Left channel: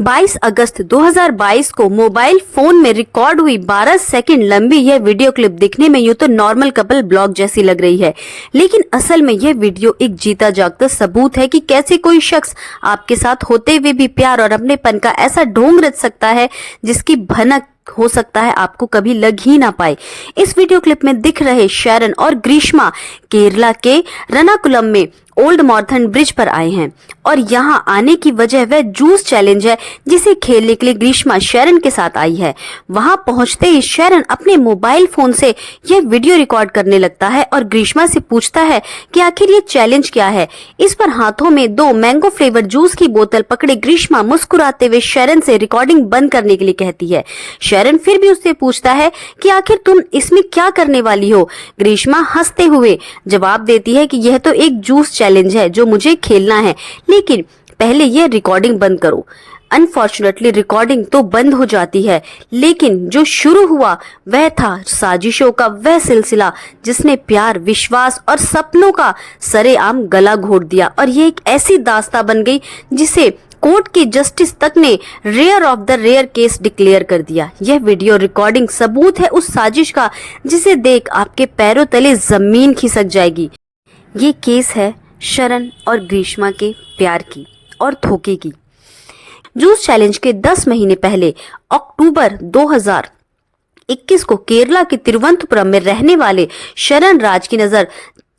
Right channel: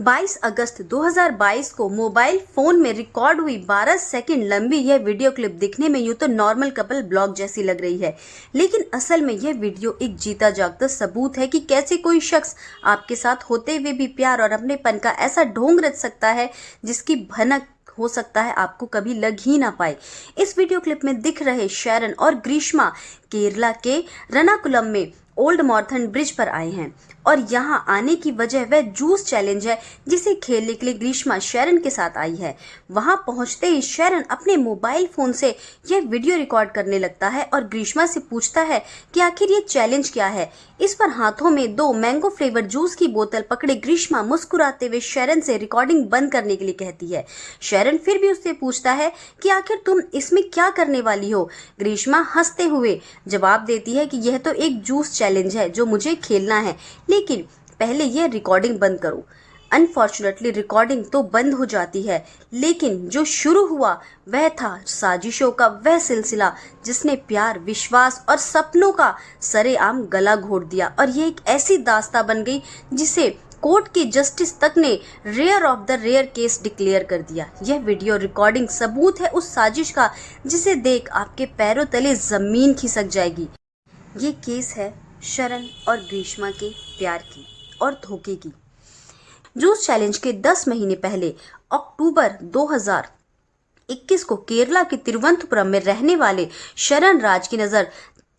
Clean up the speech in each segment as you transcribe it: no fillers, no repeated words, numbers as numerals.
22 अगस्त 2022 को mobile phone में record हुई 12 सेकंड लंबी यह वीडियो क्लिप दिखने में यूं तो नॉर्मल कपल ब्लॉग जैसी लग रही है, लेकिन असल में यह वीडियो एक जीता जागता सबूत है कि कैसे कोई शख्स आपके साथ होते हुए भी प्यार और अपनेपन का ऐसा ढोंग रच सकता है जिसकी भनक हो सकता है आपको कभी लग ही ना पाए। इस वीडियो क्लिप में दिख रहे शरण और ग्रीष्मा केरला के रनाकुलम में ओल्ड मॉर्थन ब्रिज पर आए हैं और यहाँ आने की वजह वह जूस चैलेंज है जिसे खेलने के लिए ग्रीष्मा शरण के साथ आई है। वहां पहुंचते ही शरण अपने मोबाइल फोन से यह वीडियो रिकॉर्ड करने लगता है और ग्रीष्मा से पूछता है कि आखिर ये चैलेंज क्या है। इस पर हाथों में 2 मैंगो फ्लेवर जूस की बोतल पकड़े ग्रीष्मा मुस्कुराते हुए शरण से रिकॉर्डिंग बंद करने के लिए कहती है। शरण फिर भी उससे पूछता है कि आखिर तुम इसमें क्या करने वाली हो। ग्रीष्मा हंसते हुए जवाब देती है कि यह तो एक जूस चैलेंज है जो मुझे खेलना है, लेकिन पहले यह रिकॉर्डिंग बंद करो। अनफॉर्चुनेटली रिकॉर्डिंग तो बंद हो जाती है, लेकिन जो शुरू हुआ वह था साजिशों का वह सिलसिला जिसने प्यार, विश्वास और सपनों का सरेआम गला घोट दिया और ये एक ऐसी दास्तां बन गई जिसे कोर्ट के जस्टिस तक ने rare of the rare case declare कर दिया। यह वीडियो रिकॉर्डिंग सबूत है उस साजिश का जिसे देख आपके पैरों तले जमीन खिसक जाएगी। ये केस है शरण और ग्रीष्मा के प्यार की और धोखे की। जूस चैलेंज के 10 महीने पहले अक्टूबर 2021 को केरला के तिरुवनंतपुरम में रहने वाले शरण राज की नजर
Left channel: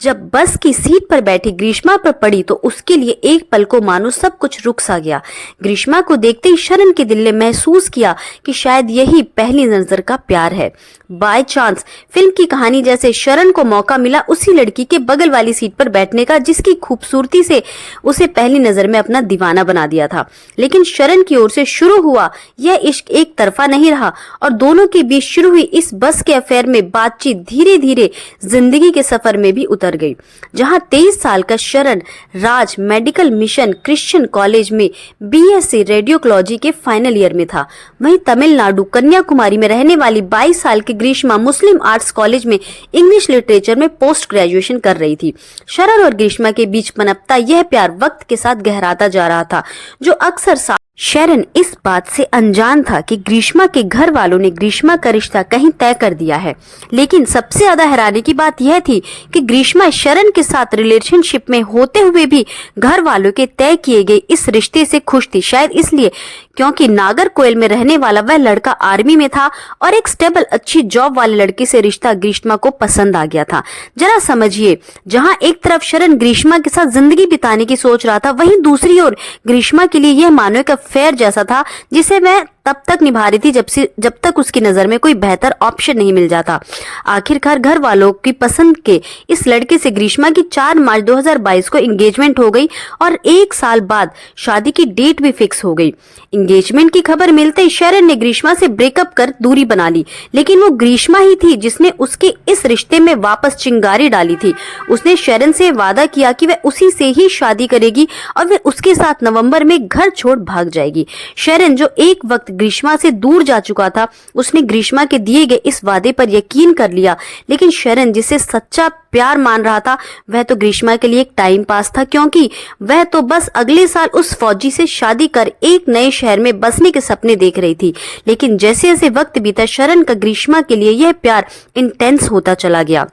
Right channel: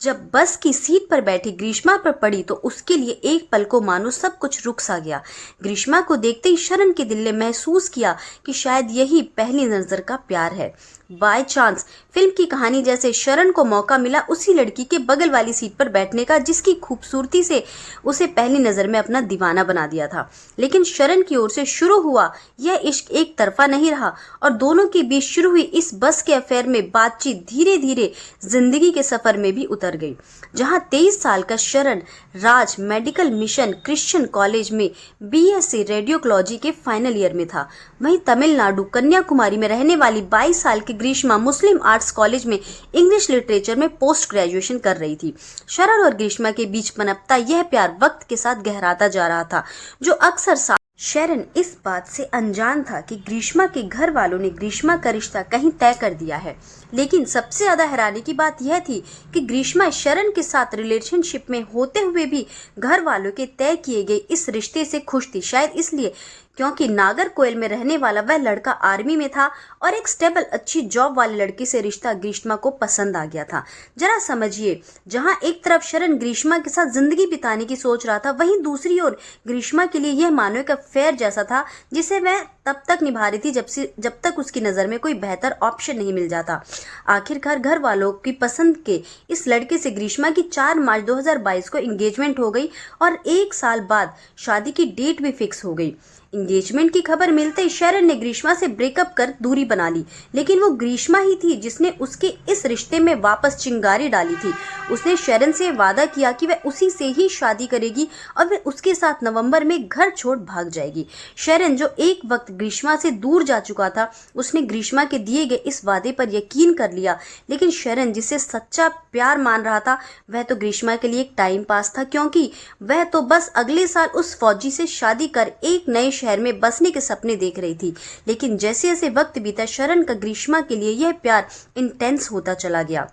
जब बस की सीट पर बैठी ग्रीष्मा पर पड़ी तो उसके लिए एक पल को मानो सब कुछ रुक सा गया। ग्रीष्मा को देखते ही शरण के दिल ने महसूस किया कि शायद यही पहली नजर का प्यार है। बाय चांस फिल्म की कहानी जैसे शरण को मौका मिला उसी लड़की के बगल वाली सीट पर बैठने का जिसकी खूबसूरती से उसे पहली नजर में अपना दीवाना बना दिया था। लेकिन शरण की ओर से शुरू हुआ यह इश्क एक तरफा नहीं रहा और दोनों के बीच शुरू हुई इस बस के अफेयर में बातचीत धीरे धीरे जिंदगी के सफर में भी उतर गई। जहां 23 साल का शरण राज मेडिकल मिशन क्रिश्चियन कॉलेज में बीएससी रेडियोलॉजी के फाइनल ईयर में था, वहीं तमिलनाडु कन्याकुमारी में रहने वाली 22 साल की ग्रीष्मा मुस्लिम आर्ट्स कॉलेज में इंग्लिश लिटरेचर में पोस्ट ग्रेजुएशन कर रही थी। शरण और ग्रीष्मा के बीच पनपता यह प्यार वक्त के साथ गहराता जा रहा था, जो अक्सर शरण इस बात से अनजान था कि ग्रीष्मा के घर वालों ने ग्रीष्मा का रिश्ता कहीं तय कर दिया है। लेकिन सबसे ज्यादा हैरानी की बात यह थी कि ग्रीष्मा शरण के साथ रिलेशनशिप में होते हुए भी घर वालों के तय किए गए इस रिश्ते से खुश थी, शायद इसलिए क्योंकि नागरकोइल में रहने वाला वह लड़का आर्मी में था और एक स्टेबल अच्छी जॉब वाले लड़के से रिश्ता ग्रीष्मा को पसंद आ गया था। जरा समझिए, जहां एक तरफ शरण ग्रीष्मा के साथ जिंदगी बिताने की सोच रहा था, वहीं दूसरी ओर ग्रीष्मा के लिए यह मानो एक अफेयर जैसा था जिसे वह तब तक निभा रही थी जब तक उसकी नजर में कोई बेहतर ऑप्शन नहीं मिल जाता। आखिरकार घर वालों की पसंद के इस लड़के से ग्रीष्मा की 4 मार्च 2022 को एंगेजमेंट हो गई और 1 साल बाद शादी की डेट भी फिक्स हो गई। एंगेजमेंट की खबर मिलते ही शरण ने ग्रीष्मा से ब्रेकअप कर दूरी बना ली, लेकिन वो ग्रीष्मा ही थी जिसने उसके इस रिश्ते में वापस चिंगारी डाली थी। उसने शरण से वादा किया कि वह उसी से ही शादी करेगी और वह उसके साथ नवंबर में घर छोड़ भाग जाएगी। शरण जो एक वक्त ग्रीष्मा से दूर जा चुका था, उसने ग्रीष्मा के दिए गए इस वादे पर यकीन कर लिया, लेकिन शरण जिसे सच्चा प्यार मान रहा था वह तो ग्रीष्मा के लिए एक टाइम पास था, क्योंकि वह तो बस अगले साल उस फौजी से शादी कर एक नए शहर में बसने के सपने देख रही थी। लेकिन जैसे जैसे वक्त बीता शरण का ग्रीष्मा के लिए यह प्यार इंटेंस होता चला गया।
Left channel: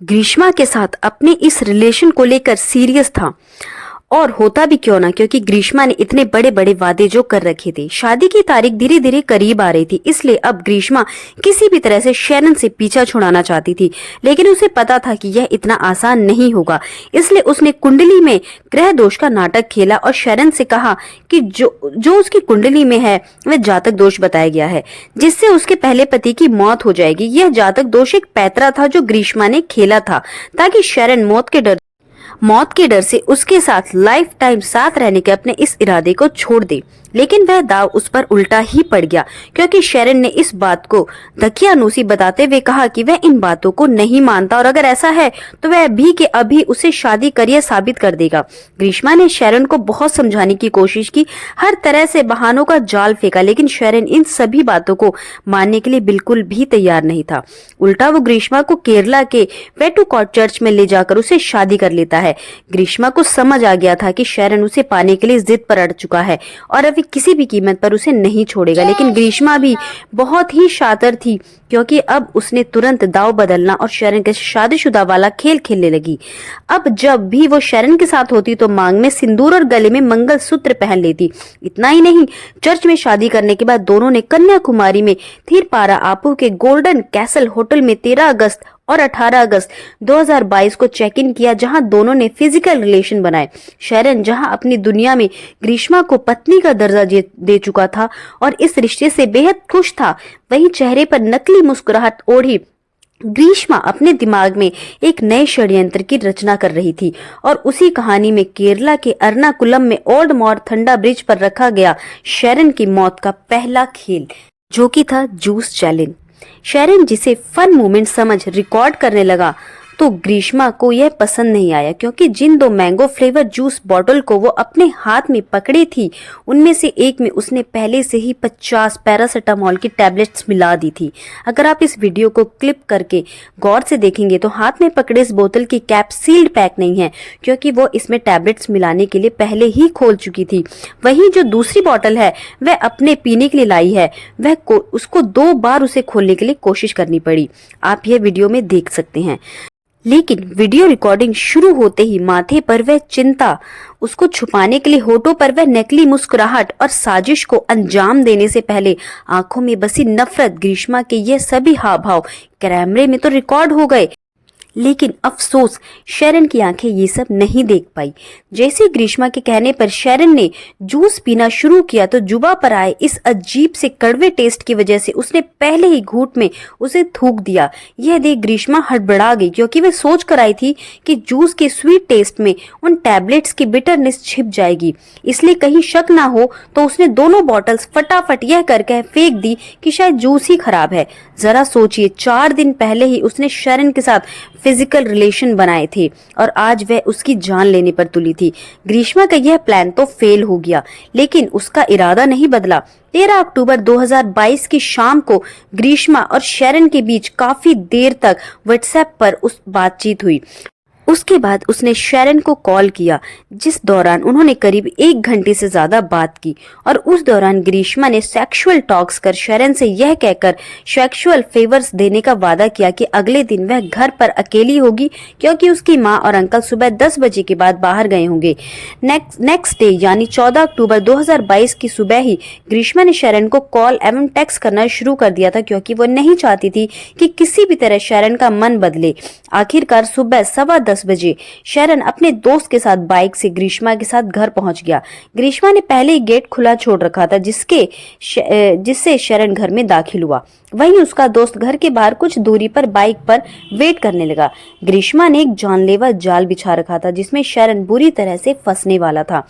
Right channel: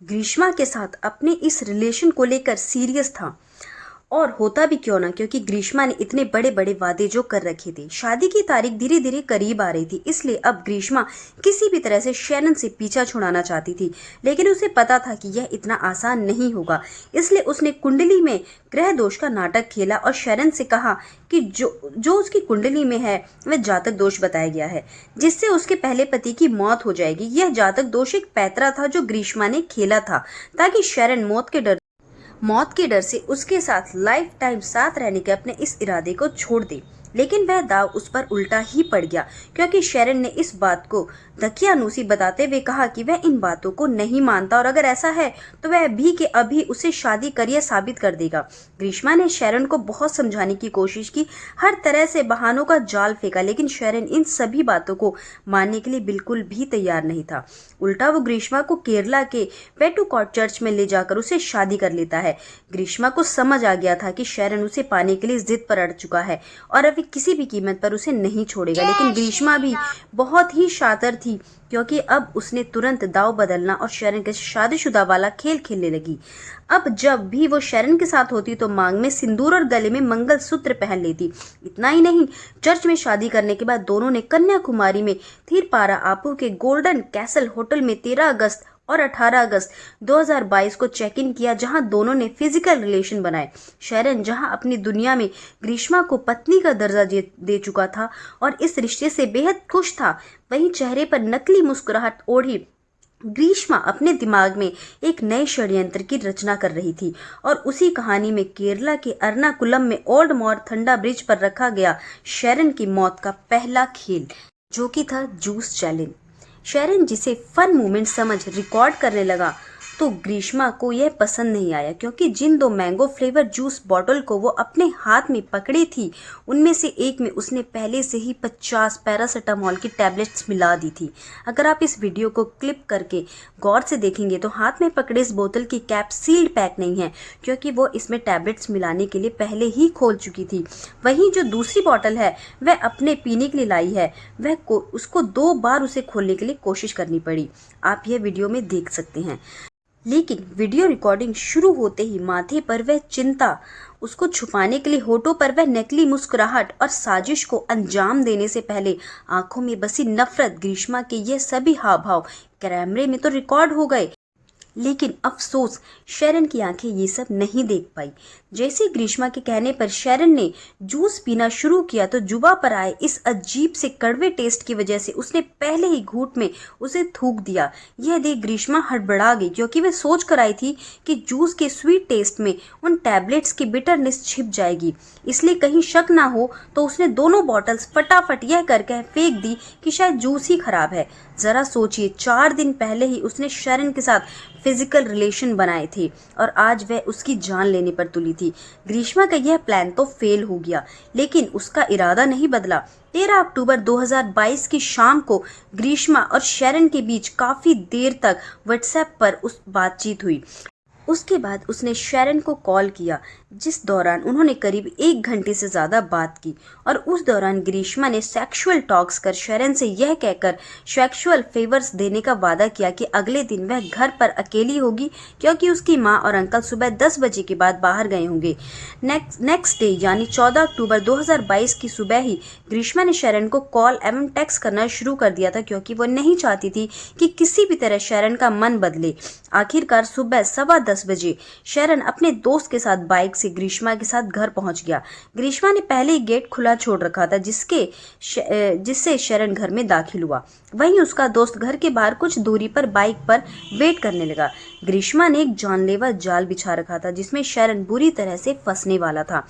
ग्रीष्मा के साथ अपने इस रिलेशन को लेकर सीरियस था, और होता भी क्यों ना, क्योंकि ग्रीष्मा ने इतने बड़े बड़े वादे जो कर रखे थे। शादी की तारीख धीरे धीरे करीब आ रही थी, इसलिए अब ग्रीष्मा किसी भी तरह से शरण से पीछा छुड़ाना चाहती थी, लेकिन उसे पता था कि यह इतना आसान नहीं होगा। इसलिए उसने कुंडली में ग्रह दोष का नाटक खेला और शरण से कहा कि जो उसकी कुंडली में है वह जातक दोष बताया गया है, जिससे उसके पहले पति की मौत हो जाएगी। यह जातक दोष एक पैतरा था जो ग्रीष्मा ने खेला था ताकि शरण मौत के डर से उसके साथ लाइफ टाइम साथ रहने के अपने इस इरादे को छोड़ दे। लेकिन वह दाव उस पर उल्टा ही पड़ गया, क्योंकि शरण ने इस बात को दकियानूसी बताते हुए कहा कि वह इन बातों को नहीं मानता और अगर ऐसा है तो वह अभी के अभी उसे शादी करिए साबित कर देगा। ग्रीष्मा ने शरण को बहुत समझाने की कोशिश की, हर तरह से बहानों का जाल फेंका, लेकिन शरण इन सभी बातों को मानने के लिए बिल्कुल भी तैयार नहीं था। उल्टा वो ग्रीष्मा को केरला के वेटुकॉट चर्च में ले जाकर उसे शादी कर लेता है। ग्रीष्मा को समझ आ गया था कि शरण उसे पाने के लिए जिद पर अड़ चुका है और अभी किसी भी कीमत पर उसे नहीं छोड़ेगा। लेकिन ग्रीष्मा भी बहुत ही शातिर थी, क्योंकि अब उसने तुरंत दाव बदलना और शरण के शादीशुदा वाला खेल खेलने लगी। अब जब भी वो शरण के साथ होती तो मांग में सिंदूर और गले में मंगलसूत्र पहन लेती। इतना ही नहीं, चर्च में शादी करने के बाद दोनों ने कन्याकुमारी में थीरपारा आपू के गोल्डन कैसल होटल में 13 अगस्त और 18 अगस्त 2022 को चेक इन किया, जहां दोनों ने फिजिकल रिलेशन बनाए। शरण जहां अपनी दुनिया में ग्रीष्मा को पत्नी का दर्जा दे चुका था और इस रिश्ते से बेहद खुश था, वहीं चेहरे पर नकली मुस्कुराहट ओढ़ी ग्रीष्मा अपने दिमाग में एक नए षड्यंत्र की रचना कर रही थी। और उसी कहानी में केरला के एर्नाकुलम में ओल्ड मोरथंडा ब्रिज पर रखा गया शरण की मौत का पहला खेल, जो कि था जूस चैलेंज। शरण जिसे फन मोमेंट समझ रिकॉर्ड करने लगा तो ग्रीष्मा को यह पसंद नहीं आया, क्योंकि जिन 2 मैंगो फ्लेवर जूस बॉटल को वो अपने हाथ में पकड़ी थी, उनमें से एक में उसने पहले से ही 50 पैरासीटामोल की टैबलेट्स मिला दी थी। अगर आप इस वीडियो को क्लिप करके गौर से देखेंगे तो हाथ में पकड़े इस बोतल की कैप सील्ड पैक नहीं है, क्योंकि वो इसमें टैबलेट्स मिलाने के लिए पहले ही खोल चुकी थी। वहीं जो दूसरी बॉटल है वह अपने पीने के लिए लाई है, उसको 2 बार उसे खोलने के लिए कोशिश करनी पड़ी। आप यह वीडियो में देख सकते हैं। लेकिन वीडियो रिकॉर्डिंग शुरू होते ही माथे पर वह चिंता, उसको छुपाने के लिए होठों पर वह नकली मुस्कुराहट और साजिश को अंजाम देने से पहले आंखों में बसी नफरत, ग्रीष्मा के ये सभी हाव भाव कैमरे में तो रिकॉर्ड हो गए। लेकिन अफसोस, शरण की आंखें ये सब नहीं देख पाई। जैसे ग्रीष्मा के कहने पर शरण ने जूस पीना शुरू किया तो जुबा पर आए इस अजीब से कड़वे टेस्ट की वजह से उसने पहले ही घूंट में उसे थूक दिया। यह देख ग्रीष्मा हड़बड़ा गई, क्योंकि वह सोच कर आई थी कि जूस के स्वीट टेस्ट में उन टैबलेट्स की बिटरनेस छिप जाएगी। इसलिए कहीं शक ना हो तो उसने दोनों बॉटल्स फटाफट यह करके फेंक दी कि शायद जूस ही खराब है। जरा सोचिए, 4 दिन पहले ही उसने शरण के साथ फिजिकल रिलेशन बनाए थे और आज वह उसकी जान लेने पर तुली थी। ग्रीष्मा का यह प्लान तो फेल हो गया, लेकिन उसका इरादा नहीं बदला। 13 अक्टूबर 2022 की शाम को ग्रीष्मा और शरण के बीच काफी देर तक व्हाट्सएप पर उस बातचीत हुई। उसके बाद उसने शरण को कॉल किया, जिस दौरान उन्होंने करीब 1 घंटे से ज्यादा बात की। और उस दौरान ग्रीष्मा ने सेक्सुअल टॉक्स कर शरण से यह कहकर सेक्सुअल फेवर्स देने का वादा किया कि अगले दिन वह घर पर अकेली होगी, क्योंकि उसकी मां और अंकल सुबह 10 बजे के बाद बाहर गए होंगे। नेक्स्ट डे यानी 14 अक्टूबर 2022 की सुबह ही ग्रीष्मा ने शरण को कॉल एवं टेक्स्ट करना शुरू कर दिया था, क्योंकि वो नहीं चाहती थी कि किसी भी तरह शरण का मन बदले। आखिरकार सुबह 10:15 बजे शरण अपने दोस्त के साथ बाइक से ग्रीष्मा के साथ घर पहुंच गया। ग्रीष्मा ने पहले ही गेट खुला छोड़ रखा था, जिससे शरण घर में दाखिल हुआ। वहीं उसका दोस्त घर के बाहर कुछ दूरी पर बाइक पर वेट करने लगा। ग्रीष्मा ने एक जानलेवा जाल बिछा रखा था, जिसमें शरण बुरी तरह से फंसने वाला था।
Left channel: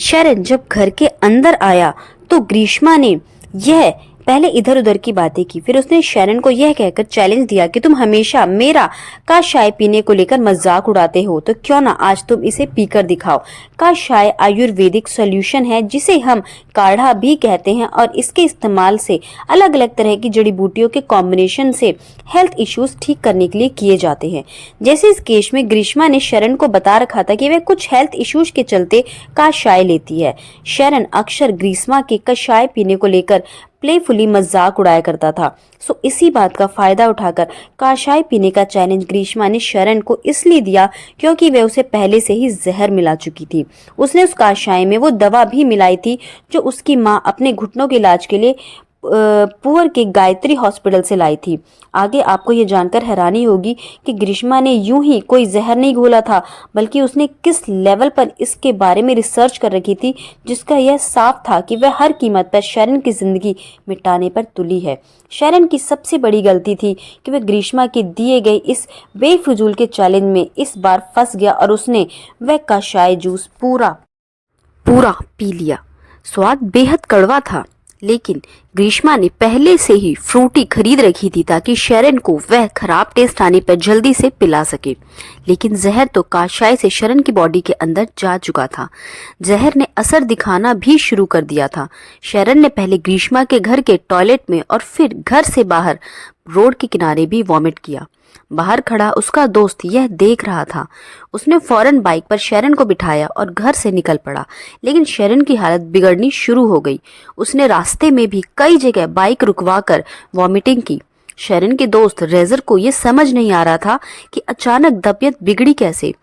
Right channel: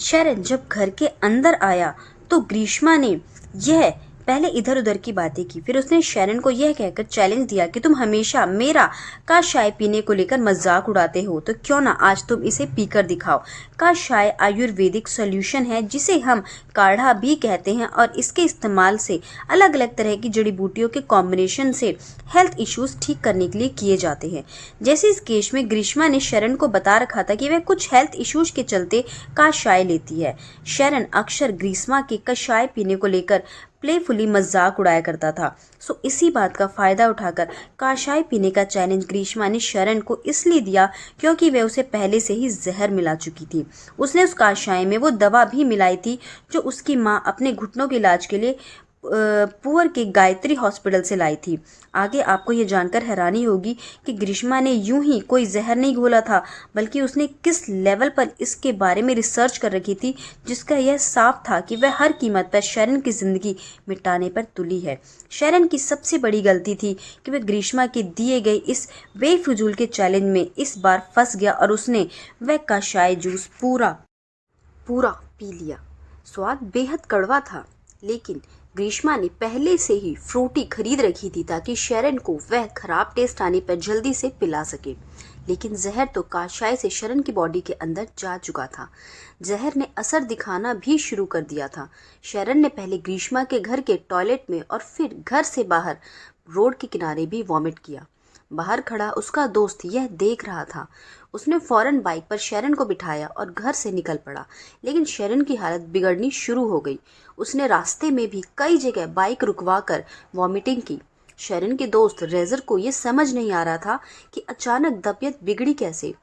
शरण जब घर के अंदर आया तो ग्रीष्मा ने यह पहले इधर उधर की बातें की। फिर उसने शरण को यह कहकर चैलेंज दिया कि तुम हमेशा मेरा कषाय पीने को लेकर मजाक उड़ाते हो, तो क्यों ना आज तुम इसे पीकर दिखाओ। कषाय आयुर्वेदिक सॉल्यूशन है, जिसे हम काढ़ा भी कहते हैं, और इसके इस्तेमाल से अलग अलग तरह की जड़ी बूटियों के कॉम्बिनेशन से हेल्थ इश्यूज ठीक करने के लिए किए जाते हैं। जैसे इस केस में ग्रीष्मा ने शरण को बता रखा था कि वह कुछ हेल्थ इश्यूज के चलते कषाय लेती है। शरण अक्सर ग्रीष्मा के कषाय पीने को लेकर प्लेफुली मजाक उड़ाया करता था। सो इसी बात का फायदा उठाकर कषाय पीने का चैलेंज ग्रीष्मा ने शरण को इसलिए दिया, क्योंकि वह उसे पहले से ही जहर मिला चुकी थी। उसने उस कषाय में वो दवा भी मिलाई थी जो उसकी मां अपने घुटनों के इलाज के लिए पुअर के गायत्री हॉस्पिटल से लाई थी। आगे आपको ये जानकर हैरानी होगी कि ग्रीष्मा ने यूं ही कोई जहर नहीं घोला था, बल्कि उसने किस लेवल पर इसके बारे में रिसर्च कर रखी थी, जिसका यह साफ था कि वह हर कीमत पर शरण की जिंदगी मिटाने पर तुली है। शरण की सबसे बड़ी गलती थी कि वह ग्रीष्मा के दिए गए इस बेफिजूल के चैलेंज में इस बार फंस गया और उसने वह कषाय जूस पूरा पी लिया। स्वाद बेहद कड़वा था, लेकिन ग्रीष्मा ने पहले से ही फ्रूटी खरीद रखी थी ताकि शरण को वह खराब टेस्ट आने पर जल्दी से पिला सके। लेकिन जहर तो कषाय से शरण की बॉडी के अंदर जा चुका था। जहर ने असर दिखाना भी शुरू कर दिया था। शरण ने पहले ग्रीष्मा के घर के टॉयलेट में और फिर घर से बाहर रोड के किनारे भी वॉमिट किया। बाहर खड़ा उसका दोस्त यह देख रहा था। उसने फौरन बाइक पर शेरन को बिठाया और घर से निकल पड़ा, लेकिन शेरन की हालत बिगड़नी शुरू हो गई। उसने रास्ते में भी कई जगह बाइक रुकवाकर वॉमिटिंग की। शेरन के दोस्त रेजर को यह समझ नहीं आ रहा था कि अचानक तबीयत बिगड़ी कैसे।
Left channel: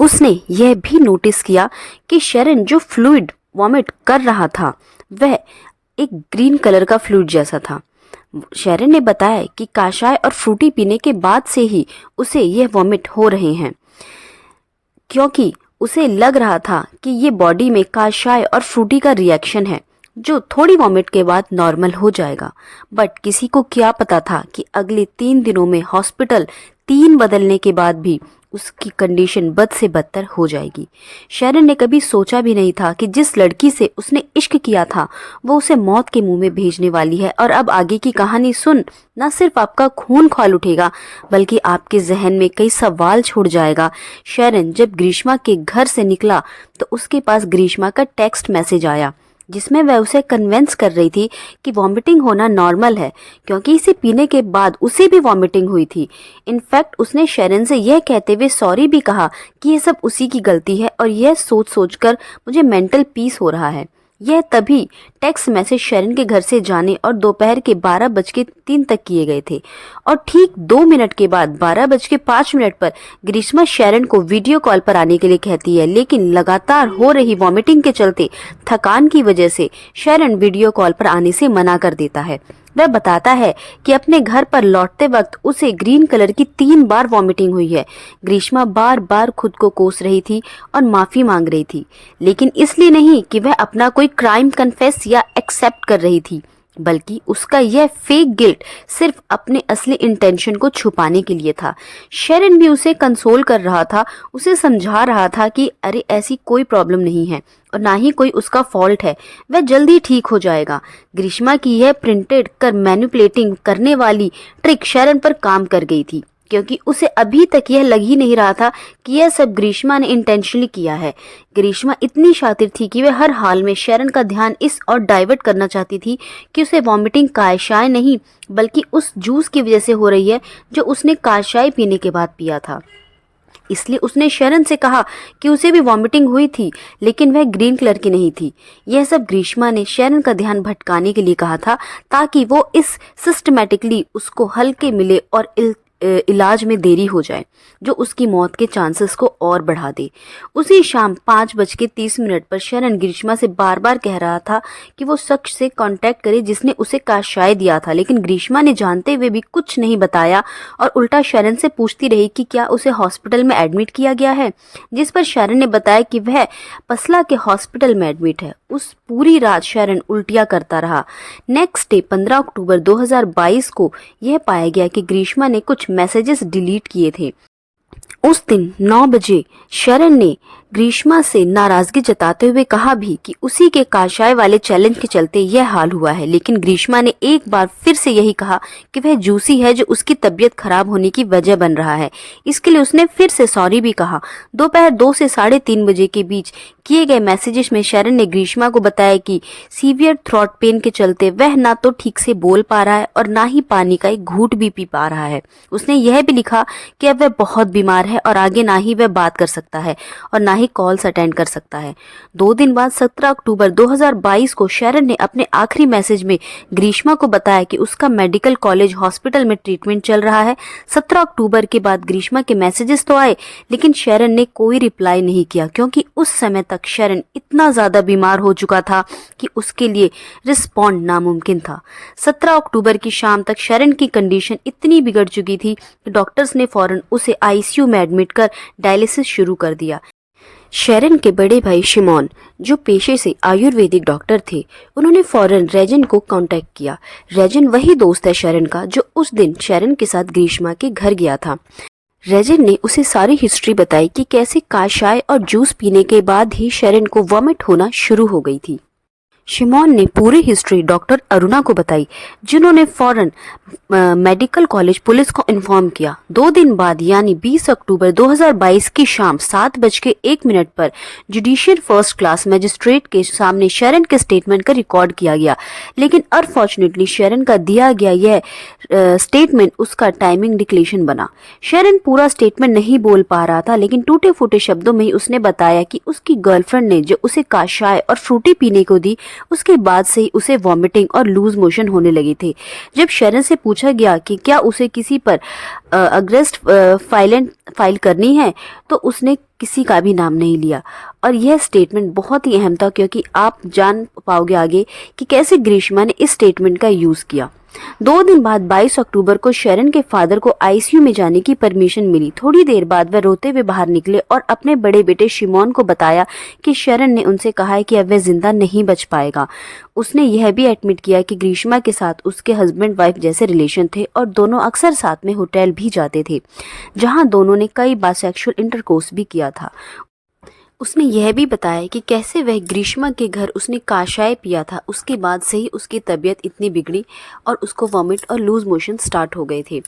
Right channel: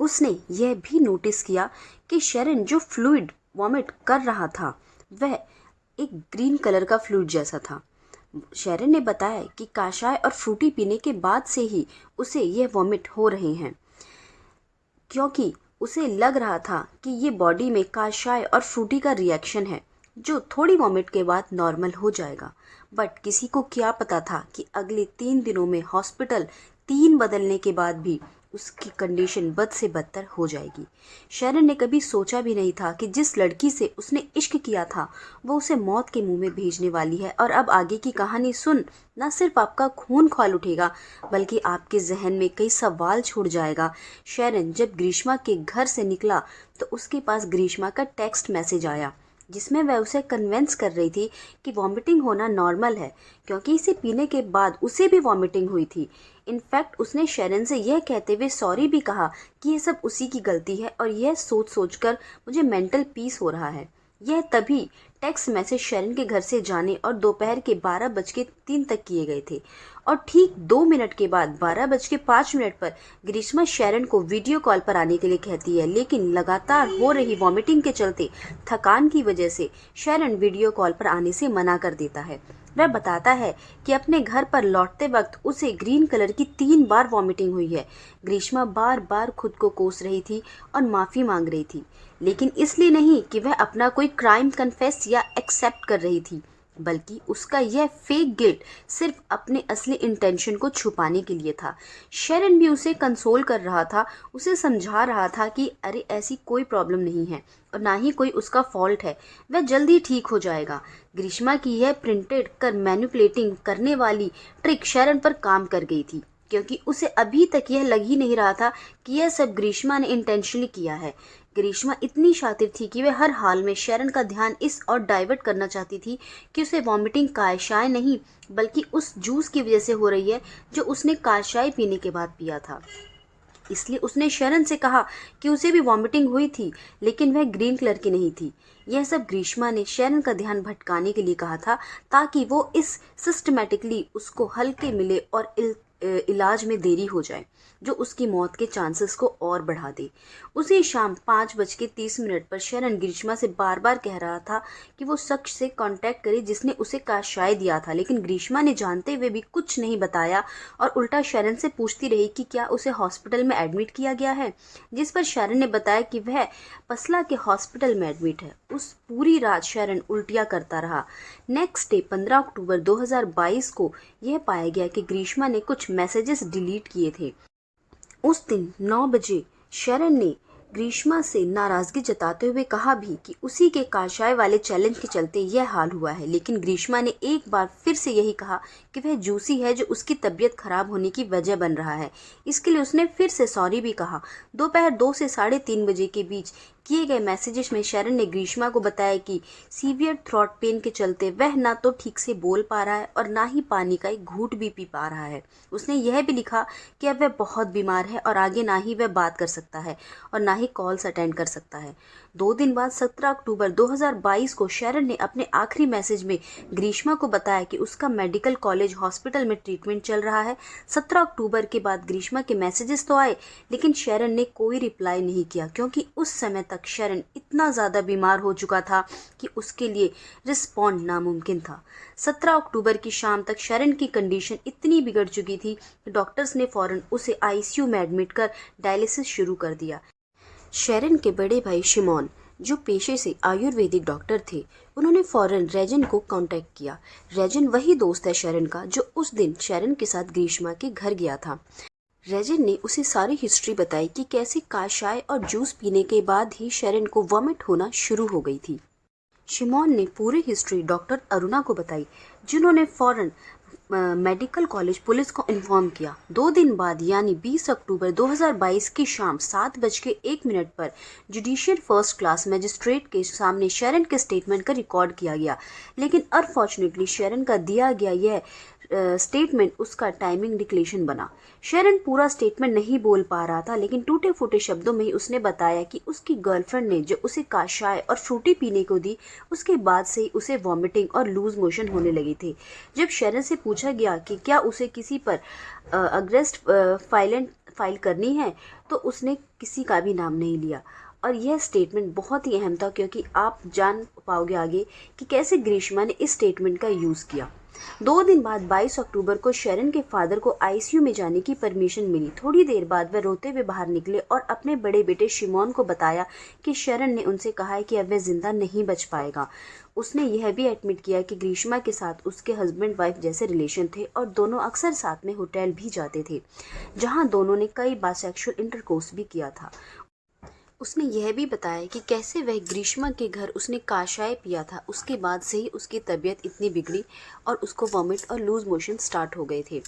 उसने यह भी नोटिस किया कि शेरन जो फ्लूइड वॉमिट कर रहा था वह एक ग्रीन कलर का फ्लूइड जैसा था। शेरन ने बताया कि काशाय और फ्रूटी पीने के बाद से ही उसे यह वॉमिट हो रहे हैं, क्योंकि उसे लग रहा था कि ये बॉडी में काशाय और फ्रूटी का रिएक्शन है जो थोड़ी वॉमिट के बाद नॉर्मल हो जाएगा। बट किसी को क्या पता था कि अगले 3 दिनों में हॉस्पिटल 3 बदलने के बाद भी उसकी कंडीशन बद से बदतर हो जाएगी। शेरन ने कभी सोचा भी नहीं था कि जिस लड़की से उसने इश्क किया था वो उसे मौत के मुंह में भेजने वाली है। और अब आगे की कहानी सुन न सिर्फ आपका खून खौल उठेगा बल्कि आपके जहन में कई सवाल छोड़ जाएगा। शेरन जब ग्रीष्मा के घर से निकला तो उसके पास ग्रीष्मा का टेक्स्ट मैसेज आया जिसमें वह उसे कन्विंस कर रही थी कि वॉमिटिंग होना नॉर्मल है, क्योंकि इसे पीने के बाद उसे भी वॉमिटिंग हुई थी। इनफैक्ट उसने शेरन से यह कहते हुए सॉरी भी कहा कि यह सब उसी की गलती है और यह सोच सोचकर मुझे मेंटल पीस हो रहा है। यह तभी टेक्स्ट मैसेज शेरन के घर से जाने और दोपहर के 12:03 तक किए गए थे और ठीक 2 मिनट के बाद 12:05 पर ग्रीष्मा शेरन को वीडियो कॉल पर आने के लिए कहती है, लेकिन लगातार हो रही वॉमिटिंग के चलते थकान की वजह से शेरन वीडियो कॉल पर आने से मना कर देता है। वह बताता है कि अपने घर पर लौटते वक्त उसे ग्रीन कलर की 3 बार वॉमिटिंग हुई है। ग्रीष्मा बार बार खुद को कोस रही थी और माफी मांग रही थी, लेकिन इसलिए नहीं कि वह अपना कोई क्राइम कन्फेस या एक्सेप्ट कर रही थी, बल्कि उसका यह फेक गिल्ट सिर्फ अपने असली इंटेंशन को छुपाने के लिए था। शेरन भी उसे कंसोल कर रहा था, उसे समझा रहा था कि अरे ऐसी कोई प्रॉब्लम नहीं है और ना ही कोई उसका फॉल्ट है, वह जल्दी ठीक हो जाएगा। ग्रीष्मा की यह प्रिंटेड कर मैनिपुलेटिंग करने वाली ट्रिक शेरन पर काम कर गई थी, क्योंकि उसे अभी तक यह लग ही नहीं रहा था कि यह सब ग्रीष्मा ने इंटेंशनली किया है। ग्रीष्मा इतनी शातिर थी कि वह हर हाल में शेरन का ध्यान इस और डाइवर्ट करना चाहती थी कि उसे वॉमिटिंग काशाय नहीं बल्कि उस जूस की वजह से हो रही है जो उसने काशाय पीने के बाद पिया था। इसलिए उसने शेरन से कहा कि उसे भी वॉमिटिंग हुई थी, लेकिन वह ग्रीन कलर की नहीं थी। यह सब ग्रीष्मा ने शेरन का ध्यान भटकाने के लिए कहा था ताकि वो इस सिस्टमैटिकली उसको हल्के मिले और इलाज में देरी हो जाए, जो उसकी मौत के चांसेस को और बढ़ा दे। उसी शाम 5:30 पर शेरन ग्रीष्मा से बार बार कह रहा था कि वो शख्स से कांटेक्ट करे जिसने उसे काशाय दिया था, लेकिन ग्रीष्मा ने जानते हुए भी कुछ नहीं बताया और उल्टा शेरन से पूछती रही कि क्या उसे हॉस्पिटल में एडमिट किया गया है, जिस पर शेरन ने बताया कि वह पसला के हॉस्पिटल में एडमिट है। उस पूरी रात शेरन उल्टियां करता रहा। नेक्स्ट डे 15 अक्टूबर 2022 को यह पाया गया कि ग्रीष्मा ने कुछ मैसेजेस डिलीट किए थे। उस दिन 9 बजे शेरन ने ग्रीष्मा से नाराजगी जताते हुए कहा भी कि उसी के काशाय वाले चैलेंज के चलते यह हाल हुआ है, लेकिन ग्रीष्मा ने एक बार फिर से यही कहा कि वह जूसी है जो उसकी तबीयत खराब होने की वजह बन रहा है। इसके लिए उसने फिर से सॉरी भी कहा। दोपहर 2 से 3:30 बजे के बीच किए गए मैसेजेस में शेरन ने ग्रीष्मा को बताया कि सीवियर थ्रोट पेन के चलते वह ना तो ठीक से बोल पा रहा है और ना ही पानी का एक घूंट भी पी पा रहा है। उसने यह भी लिखा कि अब वह बहुत बीमार है और आगे ना ही वह बात कर सकता है और ना ही कॉल्स अटेंड कर सकता है। 2 दिन बाद 17 अक्टूबर 2022 को शेरन ने अपने आखिरी मैसेज में ग्रीष्मा को बताया कि उसका मेडिकल कॉलेज हॉस्पिटल में ट्रीटमेंट चल रहा है। 17 अक्टूबर के बाद ग्रीष्मा के मैसेजेस तो आए, लेकिन शेरन ने कोई रिप्लाई नहीं किया, क्योंकि उस समय तक शेरन इतना ज्यादा बीमार हो चुका था कि उसके लिए रिस्पॉन्ड नामुमकिन था। 17 अक्टूबर की शाम तक शेरन की कंडीशन इतनी बिगड़ चुकी थी कि डॉक्टर्स ने फौरन उसे आईसीयू में एडमिट कर डायलिसिस शुरू कर दिया। शेरन के बड़े भाई शिमोन, जो पेशे से आयुर्वेदिक डॉक्टर थे, उन्होंने फौरन रेजन को कांटेक्ट किया। रेजन वही दोस्त है शेरन का जो उस दिन शेरन के साथ ग्रीष्मा के घर गया था। रेजन ने उसे सारी हिस्ट्री बताई कि कैसे काशाय और जूस पीने के बाद ही शेरन को वॉमिट होना शुरू हो गई थी। शिमोन ने पूरी हिस्ट्री डॉक्टर अरुणा को बताई, जिन्होंने फौरन मेडिकल कॉलेज पुलिस को इन्फॉर्म किया। 2 दिन बाद यानी 20 अक्टूबर 2022 की शाम 7:01 पर जुडिशियल फर्स्ट क्लास मजिस्ट्रेट के सामने शेरन के स्टेटमेंट का रिकॉर्ड किया गया, लेकिन अनफॉर्चुनेटली शेरन का दिया गया यह स्टेटमेंट उसका टाइमिंग डिक्लेरेशन बना। शेरन पूरा स्टेटमेंट नहीं बोल पा रहा था, लेकिन टूटे फूटे शब्दों में ही उसने बताया कि उसकी गर्लफ्रेंड ने जो उसे काशाय और फ्रूटी पीने को दी, उसके बाद से ही उसे वॉमिटिंग और लूज मोशन होने लगे थे। जब शेरन से पूछा गया कि क्या उसे किसी पर अरेस्ट फाइल करनी है, तो उसने किसी का भी नाम नहीं लिया। और यह स्टेटमेंट बहुत ही अहम था, क्योंकि आप जान पाओगे आगे कि कैसे ग्रीष्मा ने इस स्टेटमेंट का यूज किया। 2 दिन बाद 22 अक्टूबर को शेरन के फादर को आईसीयू में जाने की परमिशन मिली। थोड़ी देर बाद वह रोते हुए बाहर निकले और अपने बड़े बेटे शिमोन को बताया कि शेरन ने उनसे कहा है कि अब वह जिंदा नहीं बच पाएगा। उसने यह भी एडमिट किया कि ग्रीष्मा के साथ उसके हस्बैंड वाइफ जैसे रिलेशन थे और दोनों अक्सर साथ में होटल भी जाते थे, जहां दोनों ने कई बार सेक्सुअल इंटरकोर्स भी किया था। उसने यह भी बताया कि कैसे वह ग्रीष्मा के घर उसने काशाय पिया था, उसके बाद से ही उसकी तबीयत इतनी बिगड़ी और उसको वॉमिट और लूज मोशन स्टार्ट हो गए थे।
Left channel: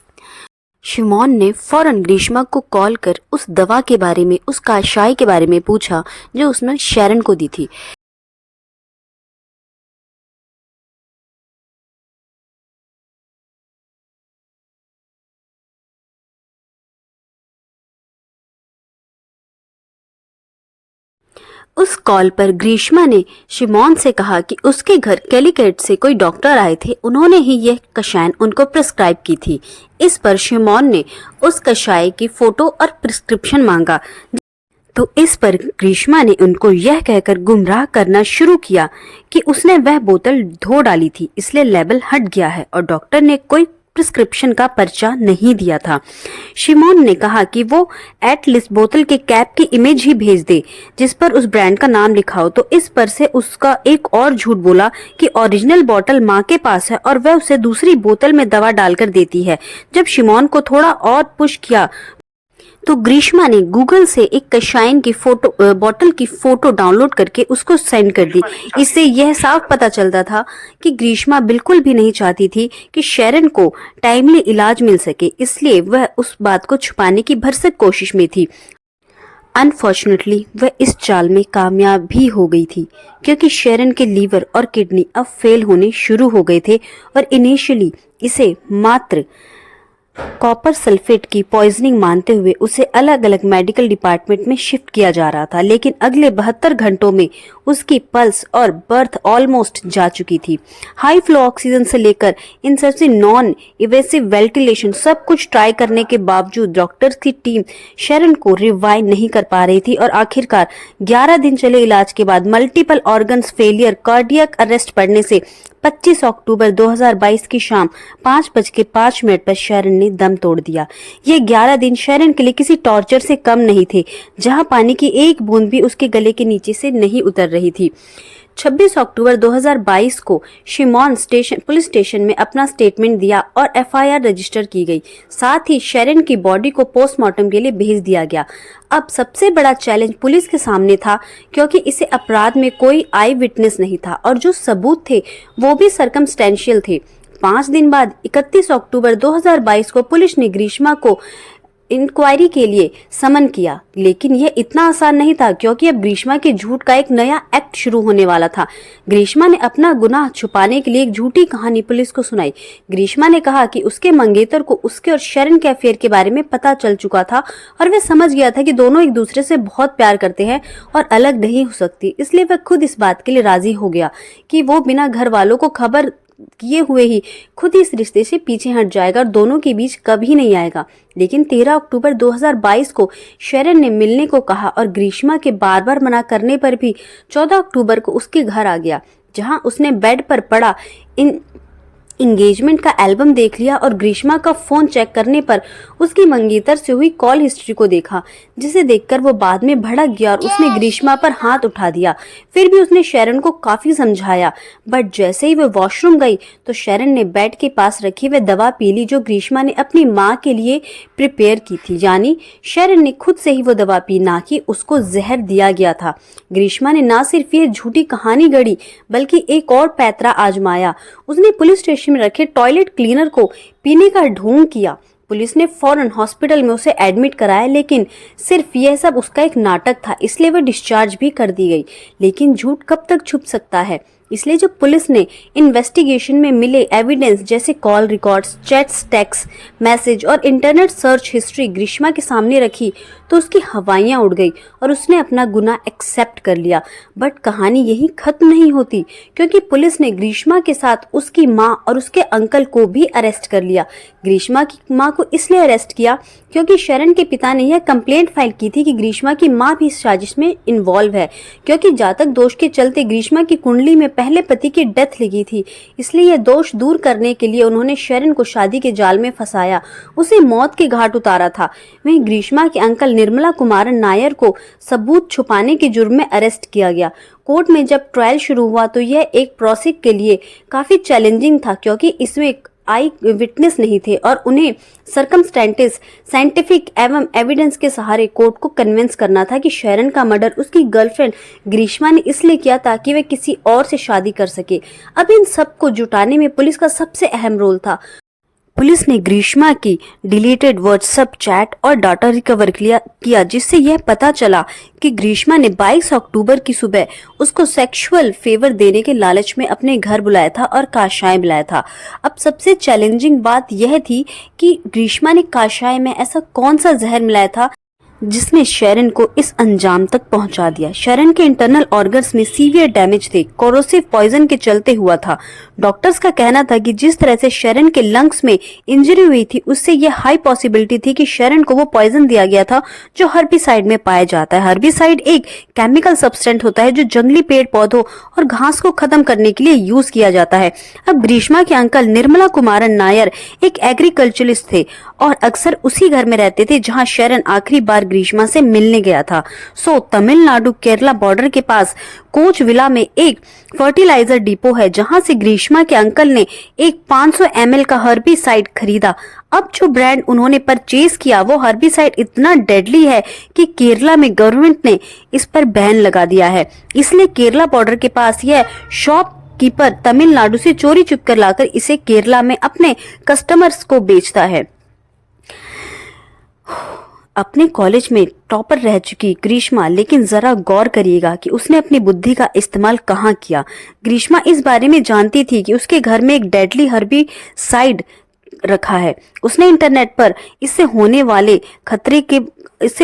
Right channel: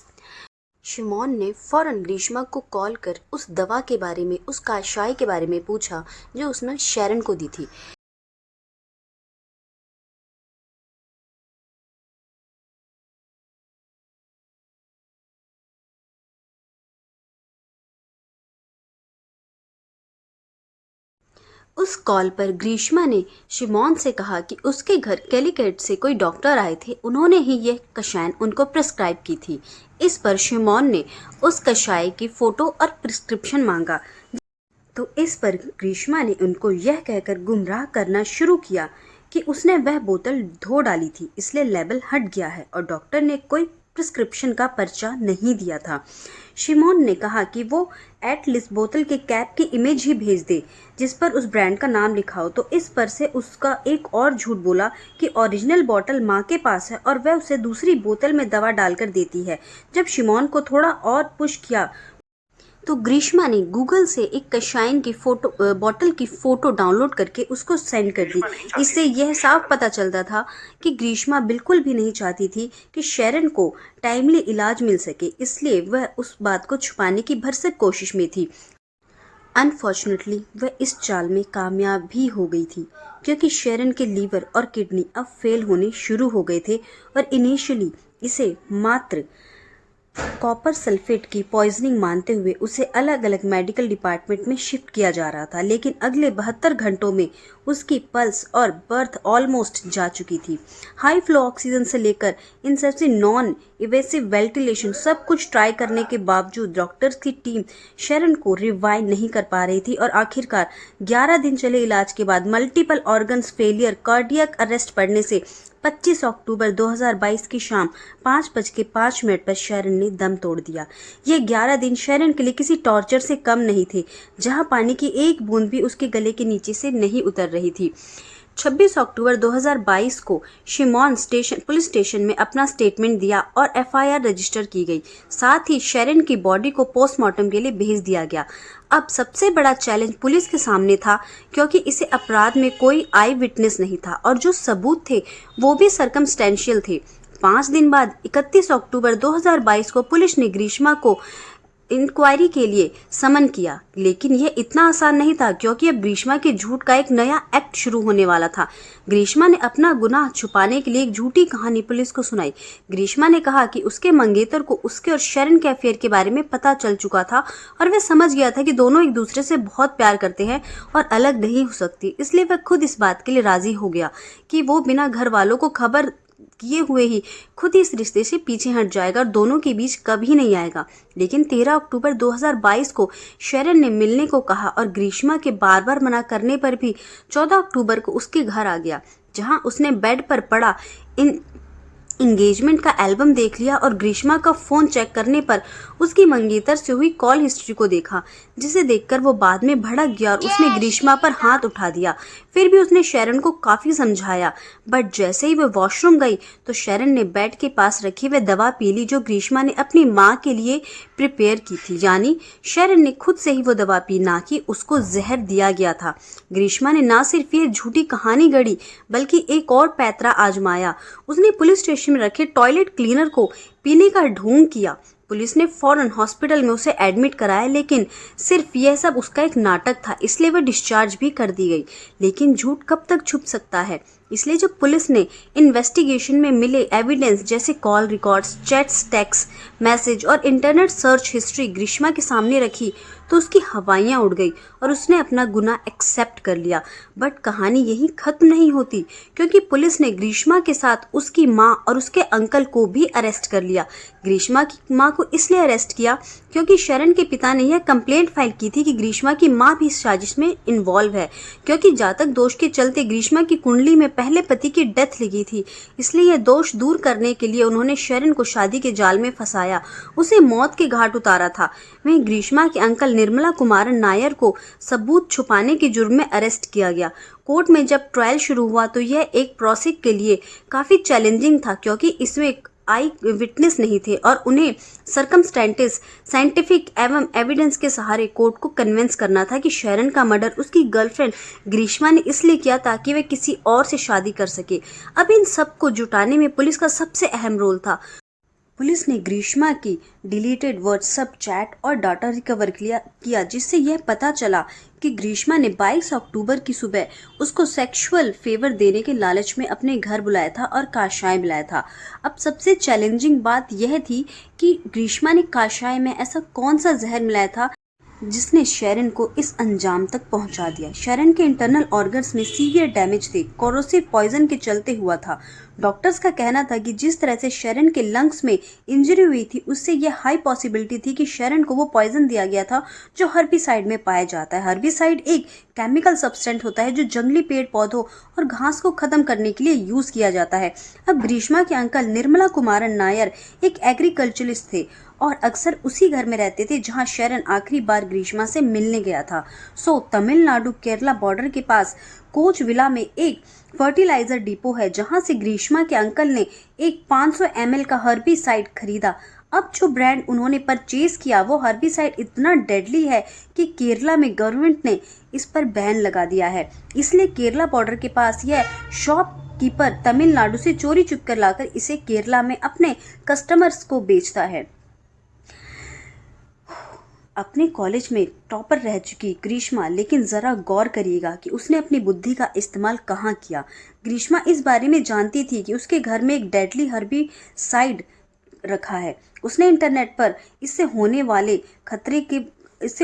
शिमोन ने फौरन ग्रीष्मा को कॉल कर उस दवा के बारे में, उस काशाय के बारे में पूछा जो उसने शेरन को दी थी। उस कॉल पर ग्रीष्मा ने शिमोन से कहा कि उसके घर कैलिकट से कोई डॉक्टर आए थे, उन्होंने ही यह कषाय उनको प्रिस्क्राइब की थी। इस पर शिमोन ने उस कषाय की फोटो और प्रिस्क्रिप्शन मांगा, तो इस पर ग्रीष्मा ने उनको यह कहकर गुमराह करना शुरू किया कि उसने वह बोतल धो डाली थी, इसलिए लेबल हट गया है और डॉक्टर ने कोई प्रिस्क्रिप्शन का पर्चा नहीं दिया था। शिमोन ने कहा कि वो एटलीस्ट बोतल के कैप की इमेज ही भेज दे जिस पर उस ब्रांड का नाम लिखा हो, तो इस पर से उसका एक और झूठ बोला कि ओरिजिनल बोतल माँ के पास है और वह उसे दूसरी बोतल में दवा डालकर देती है। जब शिमोन को थोड़ा और पुश किया तो ग्रीष्मा ने गूगल से एक कषाय की बोतल की फोटो डाउनलोड करके उसको सेंड कर दी। इससे यह साफ पता चलता था कि ग्रीष्मा बिल्कुल भी नहीं चाहती थी कि शेरन को टाइमली इलाज मिल सके, इसलिए वह उस बात को छुपाने की भरसक कोशिश में थी। अनफॉर्चुनेटली वह इस चाल में कामयाब भी हो गई थी, क्योंकि शेरन के लीवर और किडनी अब फेल होने शुरू हो गए थे और इनिशियली इसे मात्र कॉपर सल्फेट की पॉइजनिंग मानते हुए उसे अलग अलग मेडिकल डिपार्टमेंट में शिफ्ट किया जा रहा था, लेकिन अगले 72 घंटों में उसकी पल्स और बर्थ ऑलमोस्ट जा चुकी थी। हाई फ्लो ऑक्सीजन से लेकर इन सबसे नॉन इवेसिव वेंटिलेशन सब कुछ ट्राई करने के बावजूद डॉक्टर्स की टीम शेरन को रिवाइव नहीं कर पा रही थी और आखिरकार 11 दिन चले इलाज के बाद multiple organs failure, cardiac arrest पड़ने से 25 अक्टूबर 2022 की शाम 5:05 पर शेरन ने दम तोड़ दिया। ये 11 दिन शेरन के लिए किसी टॉर्चर से कम नहीं थे, जहां पानी की एक बूंद भी उसके गले के नीचे से नहीं उतर रही थी। 26 अक्टूबर 2022 को शिमोन पुलिस स्टेशन में अपना स्टेटमेंट दिया और एफआईआर रजिस्टर की गई। साथ ही शेरन की बॉडी को पोस्टमार्टम के लिए भेज दिया गया। अब सबसे बड़ा चैलेंज पुलिस के सामने था, क्योंकि इसे अपराध में कोई आई विटनेस नहीं था और जो सबूत थे वो भी सर्कमस्टेंशियल थे। 5 दिन बाद 31 अक्टूबर 2022 को पुलिस ने ग्रीष्मा को इंक्वायरी के लिए समन किया, लेकिन यह इतना आसान नहीं था, क्योंकि अब ग्रीष्मा के झूठ का एक नया एक्ट शुरू होने वाला था। ग्रीष्मा ने अपना गुनाह छुपाने के लिए एक झूठी कहानी पुलिस को सुनाई। ग्रीष्मा ने कहा कि उसके मंगेतर को उसके और शेरन के अफेयर के बारे में पता चल चुका था और वह समझ गया था कि दोनों एक दूसरे से बहुत प्यार करते हैं और अलग नहीं हो सकती, इसलिए वह खुद इस बात के लिए राजी हो गया कि वो बिना घर वालों को खबर किए हुए ही खुद इस रिश्ते से पीछे हट जाएगा और दोनों के बीच कभी नहीं आएगा। लेकिन 13 अक्टूबर 2022 को शेरन ने मिलने को कहा और ग्रीष्मा के बार बार मना करने पर भी 14 अक्टूबर को उसके घर आ गया, जहां उसने बेड पर पड़ा एंगेजमेंट का एल्बम देख लिया और ग्रीष्मा का फोन चेक करने पर उसकी मंगेतर से हुई कॉल हिस्ट्री को देखा। जिसे देखकर वो बाद में भड़क गया और उसने ग्रीष्मा पर हाथ उठा दिया। फिर भी उसने शरण को काफी समझाया, बट जैसे ही वो वॉशरूम गई तो शरण ने बेड के पास रखी वह दवा पी ली जो ग्रीष्मा ने अपनी माँ के लिए प्रिपेयर की थी। यानी शरण ने खुद से ही वो दवा पी, ना कि उसको जहर दिया गया था। ग्रीष्मा ने ना सिर्फ ये झूठी कहानी गढ़ी बल्कि एक और पैतरा आजमाया। उसने पुलिस स्टेशन में रखे टॉयलेट क्लीनर को पीने का ढोंग किया। पुलिस ने फौरन हॉस्पिटल में उसे एडमिट कराया, लेकिन सिर्फ यह सब उसका एक नाटक था, इसलिए वह डिस्चार्ज भी कर दी गई। लेकिन झूठ कब तक छुप सकता है, इसलिए जब पुलिस ने इन्वेस्टिगेशन में मिले एविडेंस जैसे call records, chats, text message और इंटरनेट सर्च हिस्ट्री ग्रीष्मा के सामने रखी तो उसकी हवाइयां उड़ गई और उसने अपना गुनाह एक्सेप्ट कर लिया। बट कहानी यही खत्म नहीं होती, क्योंकि पुलिस ने ग्रीष्मा के साथ उसकी माँ और उसके अंकल को भी अरेस्ट कर लिया। ग्रीष्मा की माँ को इसलिए अरेस्ट किया क्योंकि शरण के पिता ने यह कंप्लेंट फाइल की थी कि ग्रीष्मा की माँ भी इस साजिश में इन्वॉल्व है, क्योंकि जातक दोष के चलते ग्रीष्मा की कुंडली में पहले पति की डेथ लिखी थी। इसलिए यह दोष दूर करने के लिए उन्होंने शरण को शादी के जाल में फंसाया, उसे मौत के घाट उतारा था। वहीं ग्रीष्मा के अंकल निर्मला कुमारन नायर को सबूत छुपाने के जुर्म में अरेस्ट किया गया। कोर्ट में जब ट्रायल शुरू हुआ तो यह एक प्रोसिक्यूशन के लिए काफी चैलेंजिंग था, क्योंकि इसमें आई विटनेस नहीं थे और उन्हें सर्कमस्टेंसेस, साइंटिफिक एवं एविडेंस के सहारे कोर्ट को कन्विंस करना था कि शरण का मर्डर उसकी गर्लफ्रेंड ग्रीष्मा ने इसलिए किया ताकि वह किसी और से शादी कर सके। अब इन सब को जुटाने में पुलिस का सबसे अहम रोल था। पुलिस ने ग्रीष्मा की डिलीटेड व्हाट्सएप चैट और डाटा रिकवर किया, जिससे यह पता चला कि ग्रीष्मा ने 22 अक्टूबर की सुबह उसको सेक्सुअल फेवर देने के लालच में अपने घर बुलाया था और काशाय मिलाया था। अब सबसे चैलेंजिंग बात यह थी कि ग्रीष्मा ने काशाय में ऐसा कौन सा जहर मिलाया था जिसने शरण को इस अंजाम तक पहुंचा दिया। शरण के इंटरनल ऑर्गन्स में सीवियर डैमेज थे, कोरोसिव पॉइजन के चलते हुआ था। डॉक्टर्स का कहना था कि जिस तरह से शरण के लंग्स में इंजरी हुई थी उससे यह हाई पॉसिबिलिटी थी कि शरण को वो पॉइजन दिया गया था जो हर्बिसाइड में पाया जाता है। हर्बिसाइड एक केमिकल सब्सटेंस होता है जो जंगली पेड़ पौधों और घास को खत्म करने के लिए यूज किया जाता है। अब ग्रीष्मा के अंकल निर्मला कुमारन नायर एक एग्रीकल्चरिस्ट थे और अक्सर उसी घर में रहते थे जहां शरण आखिरी बार ग्रीष्मा से मिलने गया था। सो तमिलनाडु केरला बॉर्डर के पास कोच विला में एक फर्टिलाइजर डिपो है जहां से ग्रीष्मा के अंकल ने एक 500 ml का हर्बिसाइड खरीदा। अब जो ब्रांड उन्होंने परचेज किया वो हर्बिसाइड इतना डेडली है कि केरला में गवर्नमेंट ने इस पर बैन लगा दिया है। इसलिए केरला बॉर्डर के पास यह शॉपकीपर तमिलनाडु से चोरी चुप कर लाकर इसे केरला में अपने कस्टमर्स को बेचता है। अपने कॉलेज में टॉपर रह चुकी ग्रीष्मा, लेकिन जरा गौर करिएगा कि उसने अपनी बुद्धि का इस्तेमाल कहाँ किया। ग्रीष्मा इस बारे में जानती थी कि उसके घर में एक डेडली हर्बिसाइड रखा है। उसने इंटरनेट पर इससे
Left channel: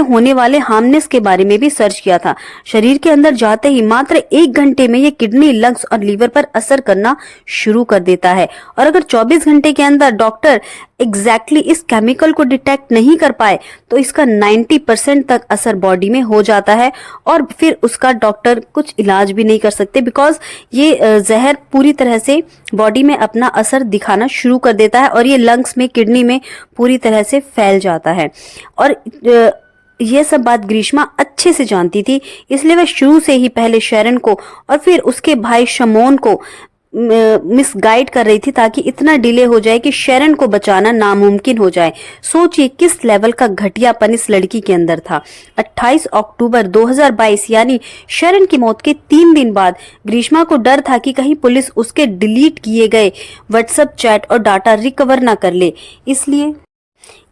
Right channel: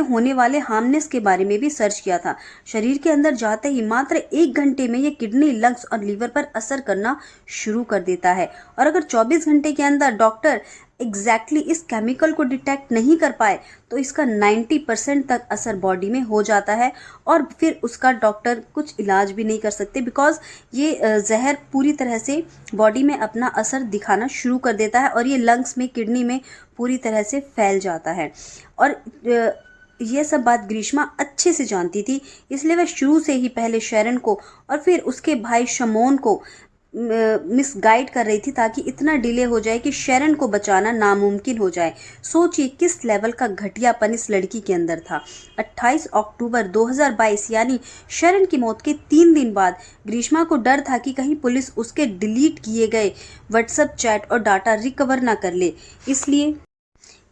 होने वाले हार्मनेस के बारे में भी सर्च किया था। शरीर के अंदर जाते ही मात्र 1 घंटे में ये किडनी, लंग्स और लीवर पर असर करना शुरू कर देता है और अगर 24 घंटे के अंदर डॉक्टर एग्जैक्टली इस केमिकल को डिटेक्ट नहीं कर पाए तो इसका 90% तक असर बॉडी में हो जाता है और फिर उसका डॉक्टर कुछ इलाज भी नहीं कर सकते, बिकॉज ये जहर पूरी तरह से बॉडी में अपना असर दिखाना शुरू कर देता है और ये लंग्स में, किडनी में पूरी तरह से फैल जाता है। और यह सब बात ग्रीष्मा अच्छे से जानती थी, इसलिए वह शुरू से ही पहले शरण को और फिर उसके भाई शमोन को मिसगाइड कर रही थी ताकि इतना डिले हो जाए कि शरण को बचाना नामुमकिन हो जाए। सोचिए किस लेवल का घटियापन इस लड़की के अंदर था। 28 अक्टूबर 2022 यानी शरण की मौत के 3 दिन बाद ग्रीष्मा को डर था कि कहीं पुलिस उसके डिलीट किए गए व्हाट्सएप चैट और डाटा रिकवर ना कर ले।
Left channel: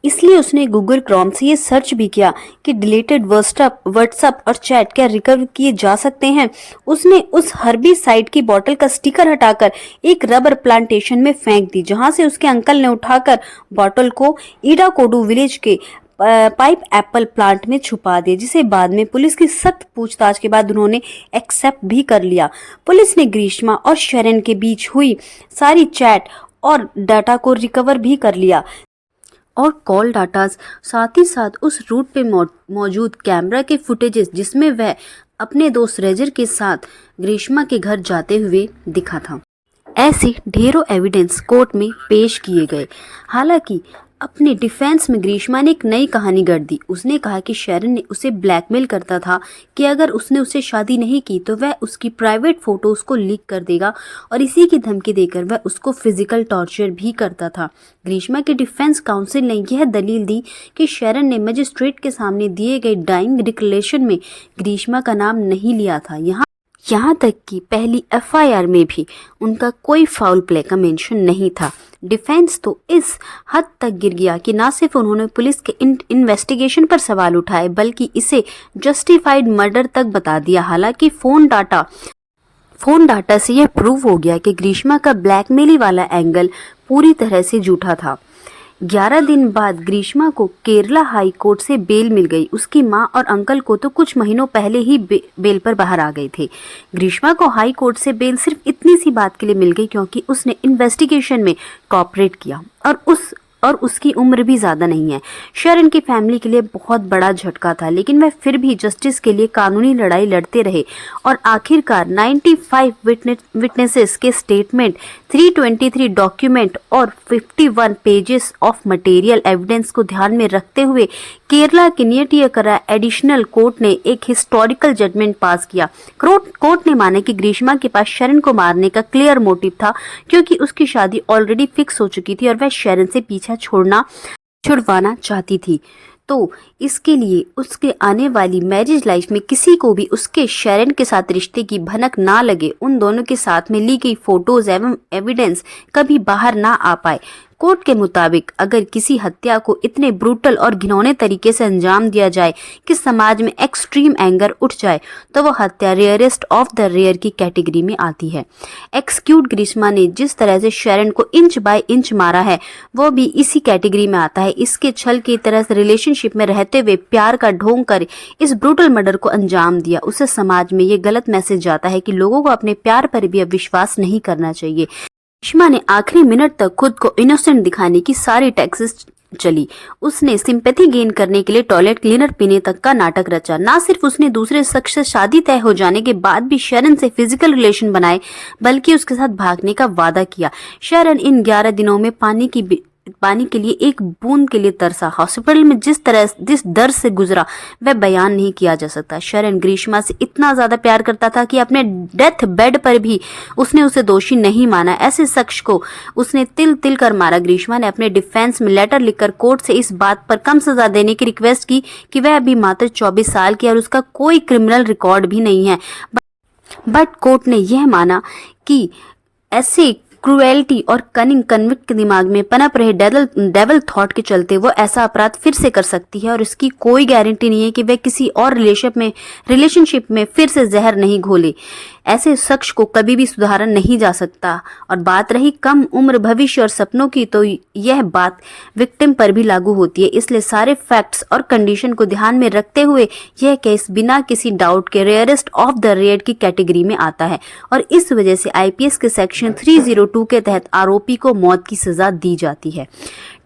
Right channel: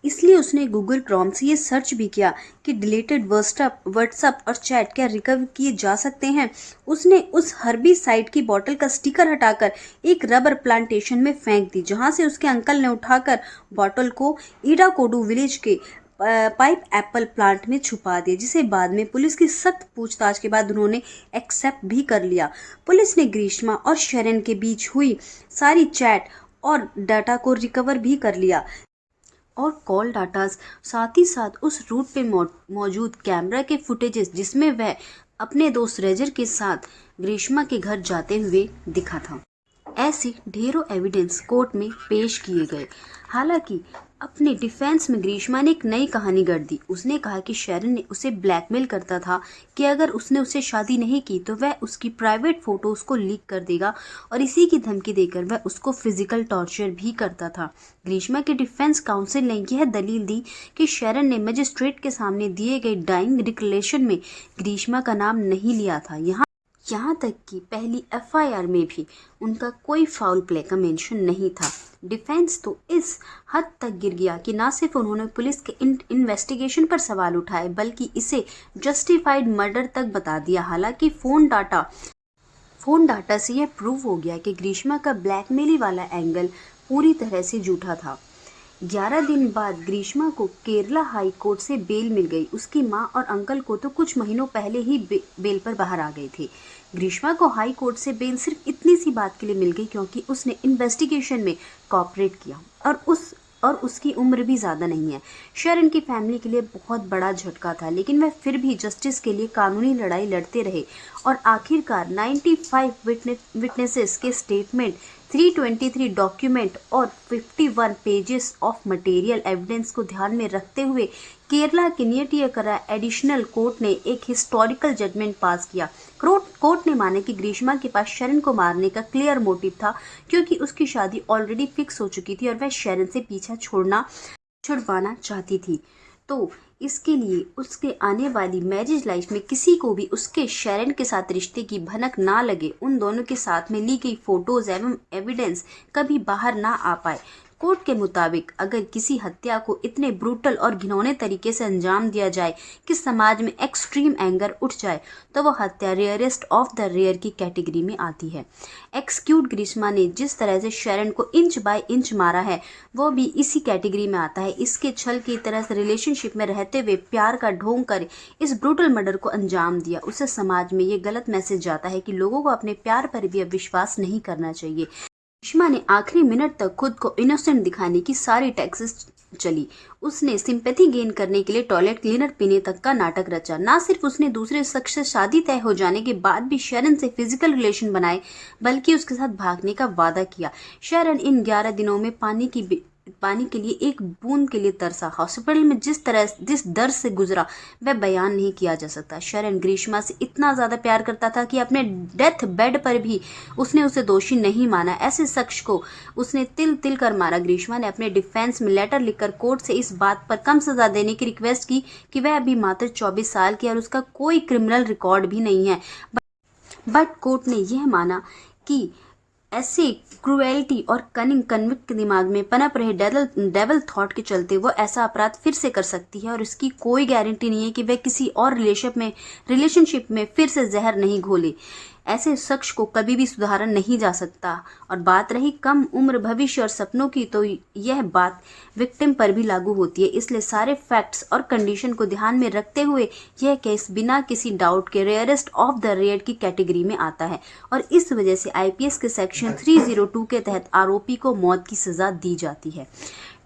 इसलिए उसने गूगल क्रोम से ये सर्च भी किया कि डिलीटेड व्हाट्सएप और चैट क्या रिकवर किए जा सकते हैं। उसने उस हर्बिसाइड की बोतल का स्टिकर हटाकर एक रबर प्लांटेशन में फेंक दी, जहां से उसके अंकल ने उठाकर बोतल को ईडाकोडू विलेज के पाइप एप्पल प्लांट में छुपा दिया, जिसे बाद में पुलिस की सख्त पूछताछ के बाद उन्होंने एक्सेप्ट भी कर लिया। पुलिस ने ग्रीष्मा और शरण के बीच हुई सारी चैट और डाटा को रिकवर भी कर लिया और कॉल डाटास, साथ ही साथ उस रूट पे मौजूद कैमरा के फुटेजेस जिसमें वह अपने दोस्त रेजर के साथ ग्रीष्मा के घर जाते हुए दिखा था। ऐसे ढेरों एविडेंस कोर्ट में पेश किए गए। हालांकि अपने डिफेंस में ग्रीष्मा ने एक नई कहानी गढ़ दी। उसने कहा कि शैरन ने उसे ब्लैकमेल करता था कि अगर उसने उससे शादी नहीं की तो वह उसकी प्राइवेट फोटोज को लीक कर देगा और इसी की धमकी देकर वह उसको फिजिकल टॉर्चर भी करता था। ग्रीष्मा के डिफेंस काउंसिल ने यह दलील दी कि शैरन ने मजिस्ट्रेट के सामने दिए गए डाइंग डिक्लेरेशन में ग्रीष्मा का नाम नहीं लिया था। यहाँ तक कि पहली एफआईआर में भी उनका कोई फाउल प्ले का मेंशन नहीं था। डिफेंस तो इस हद तक गिर गया कि न सिर्फ उन्होंने पुलिस के इन्वेस्टिगेशन पर सवाल उठाए बल्कि इसे जस्टिफाइड मर्डर तक बता दिया। हालांकि फोन डाटा से यह प्रूव हो गया कि ग्रीष्मा का ब्लैकमेली वाला एंगल पूरी तरह से झूठा था। 11 दिन बाद ग्रीष्मा को केरला हाई कोर्ट से बेल मिल गई। उसकी मां और अंकल को तो कुछ महीनों पहले ही बेल पर बाहर आ गए थे। ग्रीष्मा को हाई कोर्ट से बेल सिर्फ इतनी सी बात के लिए मिल गई क्योंकि उसने इन्वेस्टिगेशन में कोऑपरेट किया और उसकी उम्र भी ज़्यादा नहीं है। शैरन की फैमिली के लिए बहुत बड़ा झटका था, लेकिन वह फिर भी जस्टिस के लिए कानूनी लड़ाई लड़ते रहे और आखिरकार 95 विटनेसेस के स्टेटमेंट, 323 डॉक्यूमेंट और 51 पेजेस ऑफ मटेरियल एविडेंस को ध्यान में रखते हुए केरला के नियटियकरा एडिशनल कोर्ट ने एक हिस्टोरिकल जजमेंट पास किया। कोर्ट ने माना कि ग्रीष्मा के पास शैरन को मारने का क्लियर मोटिव था क्योंकि उसकी शादी ऑलरेडी फिक्स हो चुकी थी और वह शैरन से पीछा छुड़वाना चाहती थी। तो इसके लिए उसके आने वाली मैरिज लाइफ में किसी को भी उसके शैरन के साथ रिश्ते की भनक ना लगे, उन दोनों के साथ में ली गई फोटोज एवं एविडेंस कभी बाहर ना आ पाए। कोर्ट के मुताबिक अगर किसी हत्या को इतने ब्रूटल और घिनौने तरीके से अंजाम दिया जाए कि समाज में एक्सट्रीम एंगर उठ जाए तो वह हत्या रेयरेस्ट ऑफ द रेयर की कैटेगरी में आती है। एक्सक्यूट ग्रीष्मा ने जिस तरह से शैरन को इंच बाय इंच मारा है वो भी इसी कैटेगरी में आता है। इसके छल की तरह से रिलेशनशिप में रहते हुए प्यार का ढोंग कर इस ब्रूटल मर्डर को अंजाम दिया। उससे समाज में ये गलत मैसेज जाता है कि लोगों को अपने प्यार पर भी अब विश्वास नहीं करना चाहिए। ग्रीष्मा ने आखिरी मिनट तक खुद को इनोसेंट दिखाने की सारी टैक्सेस चली। उसने सिंपैथी गेन करने के लिए टॉयलेट क्लीनर पीने तक का नाटक रचा। ना सिर्फ उसने दूसरे शख्स से शादी तय हो जाने के बाद भी शैरन से फिजिकल रिलेशन बनाए बल्कि उसके साथ भागने का वादा किया। शैरन इन 11 दिनों में पानी के लिए एक बूंद के लिए तरसा। हॉस्पिटल में जिस दर्द से गुजरा वह बयान नहीं किया जा सकता। शैरन ग्रीष्मा से इतना ज्यादा प्यार करता था कि अपने डेथ बेड पर भी उसने उसे दोषी नहीं माना। ऐसे शख्स को उसने तिल तिल कर मारा। ग्रीष्मा ने अपने डिफेंस में लेटर लिखकर कोर्ट से इस बात पर कम सजा देने की रिक्वेस्ट की कि वह अभी मात्र 24 साल की और उसका कोई क्रिमिनल रिकॉर्ड भी नहीं है, बट कोर्ट ने यह माना कि ऐसे क्रूएल्टी और कनिंग कन्विक्ट के दिमाग में पनप रहे डेवल थॉट के चलते वो ऐसा अपराध फिर से कर सकती है और इसकी कोई गारंटी नहीं है कि वह किसी और रिलेशनशिप में फिर से जहर नहीं घोले। ऐसे शख्स को कभी भी सुधारा नहीं जा सकता। और बात रही कम उम्र, भविष्य और सपनों की, तो यह बात विक्टिम पर भी लागू होती है। इसलिए सारे फैक्ट्स और कंडीशन को ध्यान में रखते हुए यह केस बिना किसी डाउट के रेयरेस्ट ऑफ द रेयर की कैटेगरी में आता है और इस वजह से आईपीसी के सेक्शन 302 के तहत आरोपी को मौत की सजा दी जाती है।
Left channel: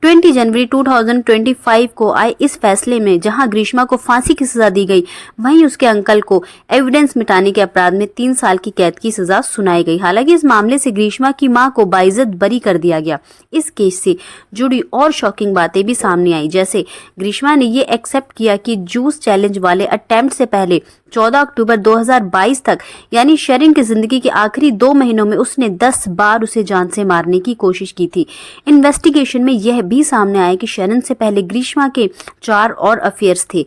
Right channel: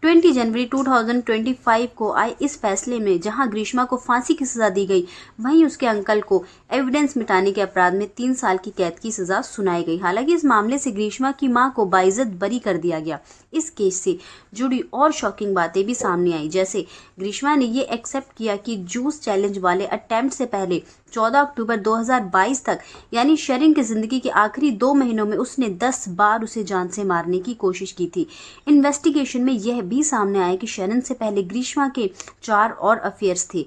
20 जनवरी 2025 को आए इस फैसले में जहां ग्रीष्मा को फांसी की सजा दी गई, वहीं उसके अंकल को एविडेंस मिटाने के अपराध में 3 साल की कैद की सजा सुनाई गई। हालांकि इस मामले से ग्रीष्मा की मां को बाइज्जत बरी कर दिया गया। इस केस से जुड़ी और शॉकिंग बातें भी सामने आई, जैसे ग्रीष्मा ने ये एक्सेप्ट किया कि जूस चैलेंज वाले अटेम्प्ट से पहले 14 अक्टूबर 2022 तक यानी शैरन की जिंदगी के आखिरी 2 महीनों में उसने 10 बार उसे जान से मारने की कोशिश की थी। इन्वेस्टिगेशन में यह भी सामने आया कि शैरन से पहले ग्रीष्मा के 4 और अफेयर्स थे।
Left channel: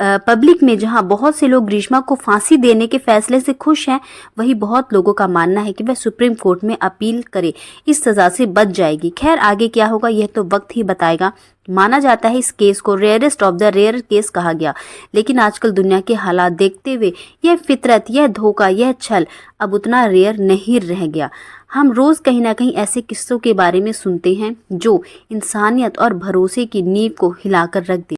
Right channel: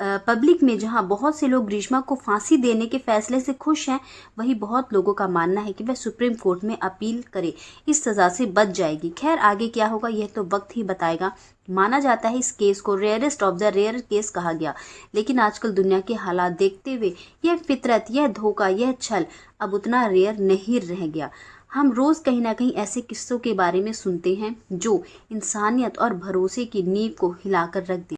पब्लिक में जहां बहुत से लोग ग्रीष्मा को फांसी देने के फैसले से खुश हैं, वहीं बहुत लोगों का मानना है कि वह सुप्रीम कोर्ट में अपील करे, इस सजा से बच जाएगी। खैर आगे क्या होगा यह तो वक्त ही बताएगा। माना जाता है इस केस को rarest of the rare case कहा गया, लेकिन आजकल दुनिया के हालात देखते हुए यह फितरत, यह धोखा, यह छल अब उतना रेयर नहीं रह गया। हम रोज कहीं ना कहीं ऐसे किस्सों के बारे में सुनते हैं जो इंसानियत और भरोसे की नींव को हिलाकर रख दे।